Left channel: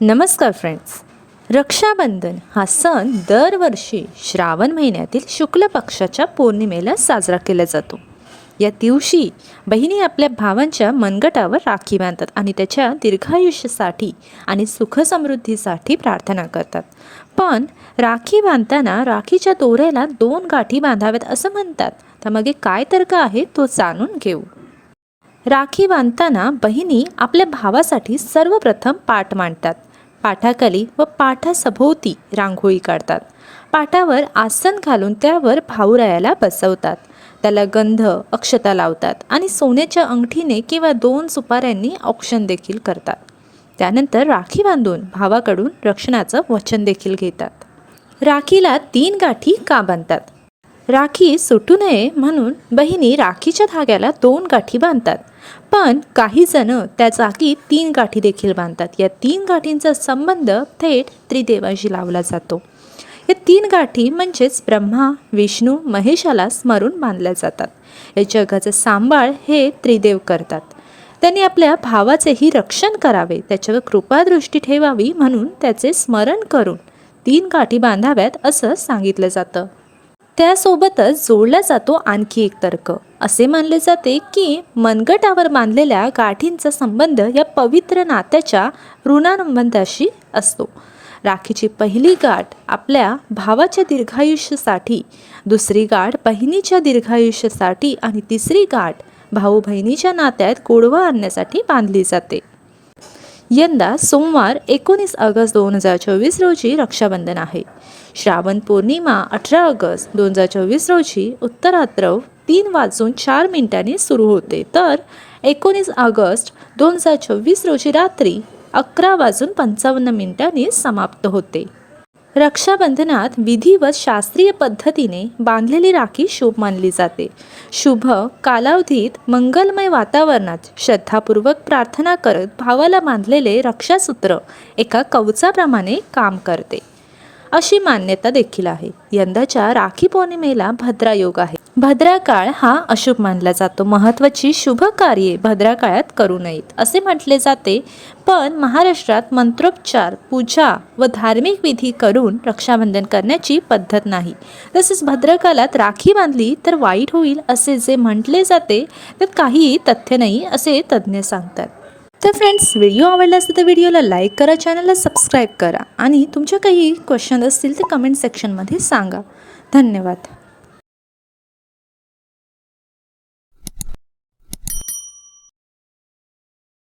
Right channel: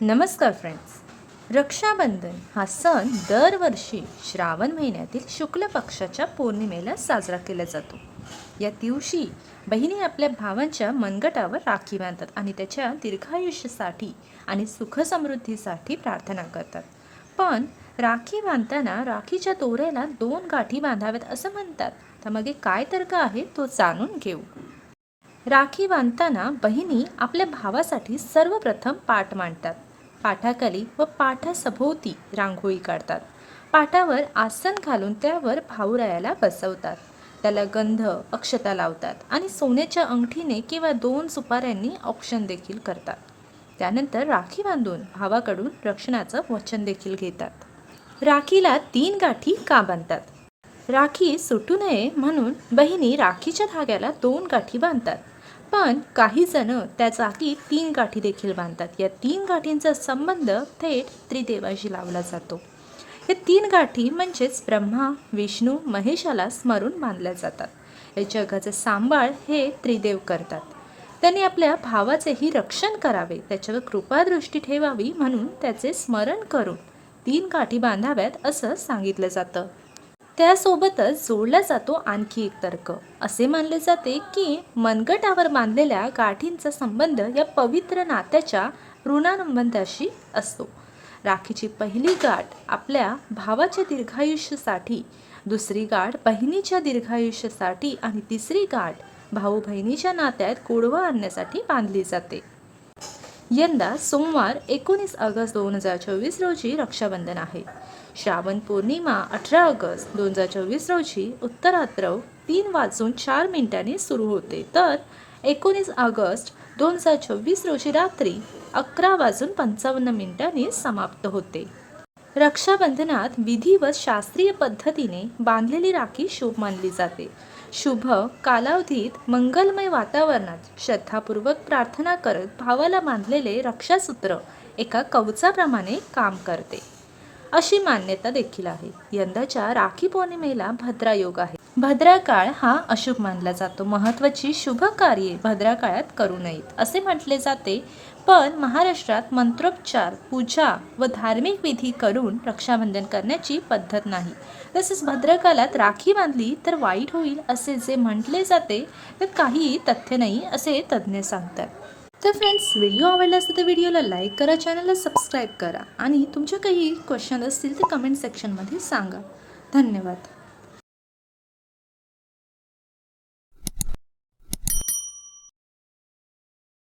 नमस्कार फ्रेंड्स रक्षाबंधन हा सण दरवर्षी श्रावण महिन्यातील शुक्ल पक्षाच्या पौर्णिमेला साजरा केला जातो. या दिवशी बहिणी आपल्या भावांच्या मनगटावर राखी बांधतात आणि त्याच्या दीर्घायुष्यासाठी आणि सुखसमृद्धीसाठी प्रार्थना करतात. पण राखी बांधताना राखीच्या दोऱ्याला दोन गाठी बांधाव्यात असं म्हणतात. त्यामागे काय तर्क आहे तो जाणून घेऊ. राखी बांधताना बहिणी आपल्या भावासाठी सर्वप्रथम पाठ मांडतात. पाठाखाली व पाठासभोवती रांगोळी काढतात. पाठावर आसन घालून त्यावर भाऊरायाला बसवतात. त्याला गंध अक्षता लावतात आणि सोन्याच्या अंगठीने किंवा दोन सुपाऱ्यांनी औक्षण देखील करतात. त्यानंतर राखी बांधून भावाकडून रक्षणाचं वचन देखील घेतात. राखीला तीन गाठी का बांधतात? राखी सुटू नये म्हणून बहिणी राखीच्या धाग्याला दोन गाठी बांधतात. पण काही जण त्या जागी तीन गाठी देखील बांधतात. या तीन गाठींचा संबंध थेट त्रिदेवाशी लावला जातो. या तीन गाठी म्हणजेच ब्रह्मा विष्णू महेशाला स्मरून बांधल्या जातात. या जगाचं सांभाळ हे त्रिदेव करतात. त्यांनी आपल्या भावाचेही रक्षण करावे त्याच्यावर कृपादृष्टी ठेवावी म्हणून त्याचे स्मरण करून तीन गाठी बांधाव्यात असं सांगितलं जातं. त्यासोबतच जोडला जातो आणखी एक तर्क. असे मानले जाते की मनगटावर बांधलेल्या गाठींचा संबंध या पवित्र नात्याच्या ऋणानुबंधाशी असतो. राखीची पहिली गाठ आपल्या भावाच्या दीर्घायुष्यासाठी दुसरी गाठ बहिणीच्या दीर्घायुष्यासाठी आणि तिसरी गाठ भाऊ बहिणीच्या नात्यात गोडवा आणण्यासाठी बांधली जाते. यंदा सोमवार एकोणीस ऑगस्ट दोन हजार चोवीस रोजी रक्षाबंधन आहे. श्रावण पौर्णिमा अठरा ऑगस्ट दोन हजार चोवीस रोजी उत्तरात्रव तीन वाजून चार मिनिटांनी सुरू होते. तर एकोणीस ऑगस्ट दोन हजार चोवीस रोजी रात्री अकरा वाजून पंचावन्न मिनिटांनी समाप्त होते. रक्षाबंधनात विधी व शास्त्रीय पद्धतीने बांधलेली राखी शुभ मानली जाते. शुभ कालावधीत मंगलमय वातावरणात श्रद्धापूर्वक प्रार्थना करत भावाला बांधलेले रक्षासूत्र एका कवचाप्रमाणे काम करते. अशी मान्यता देखील आहे. यंदाच्या राखी पौर्णिमेला भद्रा योग आहे. भद्राकाळ हा अशुभ मानला जातो. महत्त्वाची शुभ कार्ये भद्राकाळात करू नयेत असे म्हटले जाते. पण महाराष्ट्रात मंत्रोपचार पूजा व धार्मिक विधी करून रक्षाबंधन करण्याची पद्धत नाही. तसेच भद्रकालात राखी बांधली तर वाईट होईल असे जे म्हटले जाते त्यात काहीही तथ्य नाही असे तज्ज्ञ सांगतात. तर फ्रेंड्स व्हिडिओ आवडला असेल तर व्हिडिओला लाईक करा चॅनलला सबस्क्राईब करा आणि तुमच्या काही क्वेश्चन असतील ते कमेंट सेक्शनमध्ये सांगा. धन्यवाद.